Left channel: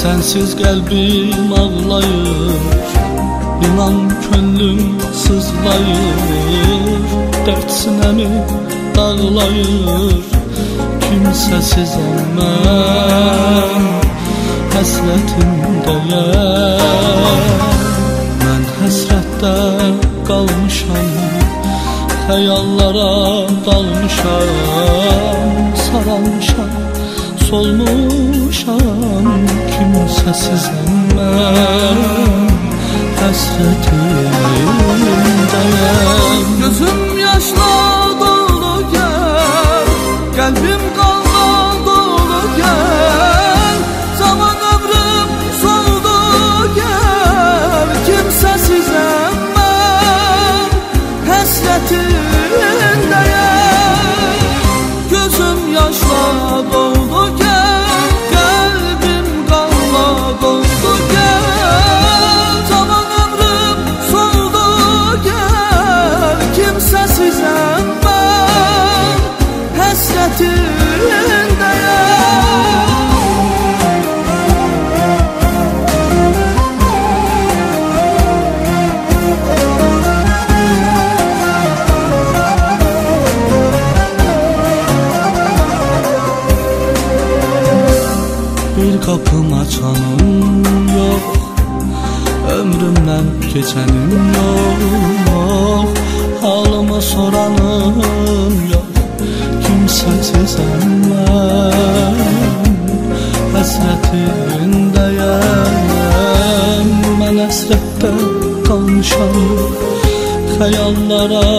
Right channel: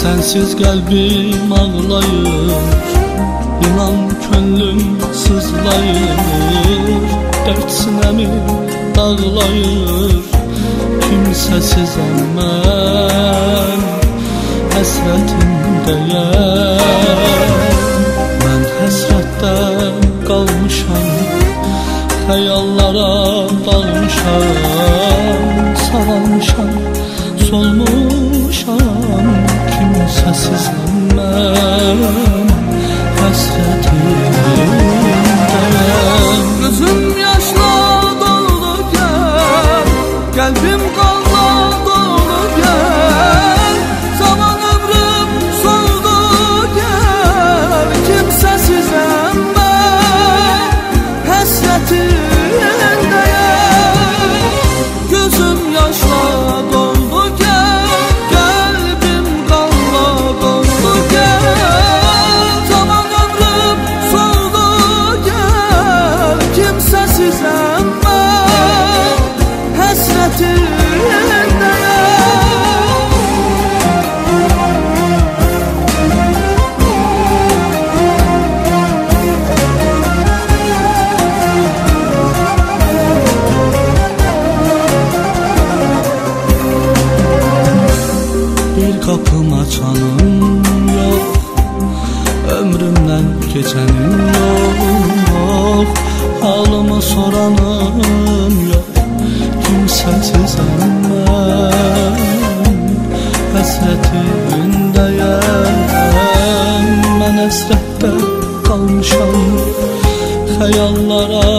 Sensiz qəlbim ağlayır, inan könlüm sızlayır, dərd sinəmi dağlayır. Kimsəsizəm mən, həsrətindəyəm. Mən həsrətdə qalmışam, xəyallara dalmışam, saralmışam, solmuşam. Kimsəsizəm mən, həsrətindəyəm. Gözüm yaşla dolu gəl, qəlbim qanla dolu gəl, zaman ömrüm soldu gəl. Kimsəsizəm mən, həsrətindəyəm. Gözüm yaşla doldu gəl, qəlbim qanla doldu gəl, zaman ömrüm soldu gəl. Kimsəsizəm mən, həsrətindəyəm. Bir qapım açanım yox, ömrümdən keçənim yox, halımı soranım yox. Kimsəsizəm mən, həsrətindəyəm. Mən həsrətdə qalmışam, xəyallara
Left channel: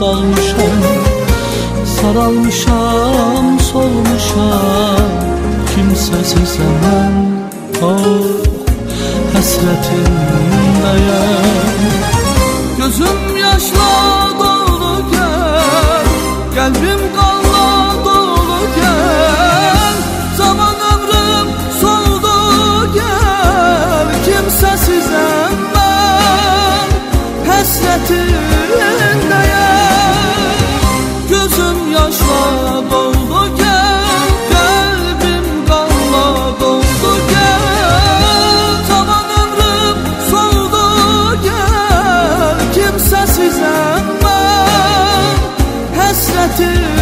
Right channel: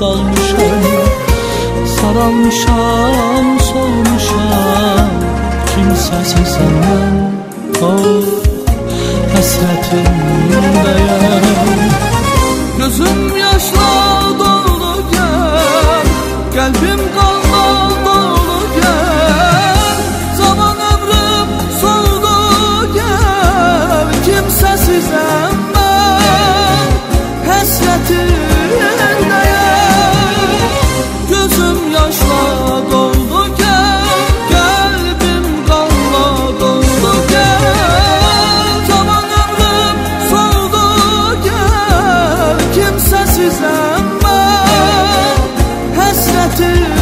dalmışam, saralmışam, solmuşam. Kimsəsizəm mən, oh, həsrətindəyəm. Gözüm yaşla dolu gəl, qəlbim qanla dolu gəl, zaman ömrüm soldu gəl. Kimsəsizəm mən, həsrətindəyəm. Gözüm yaşla doldu gəl, qəlbim qanla doldu gəl, zaman ömrüm soldu gəl. Kimsəsizəm mən, həsrətindəyəm.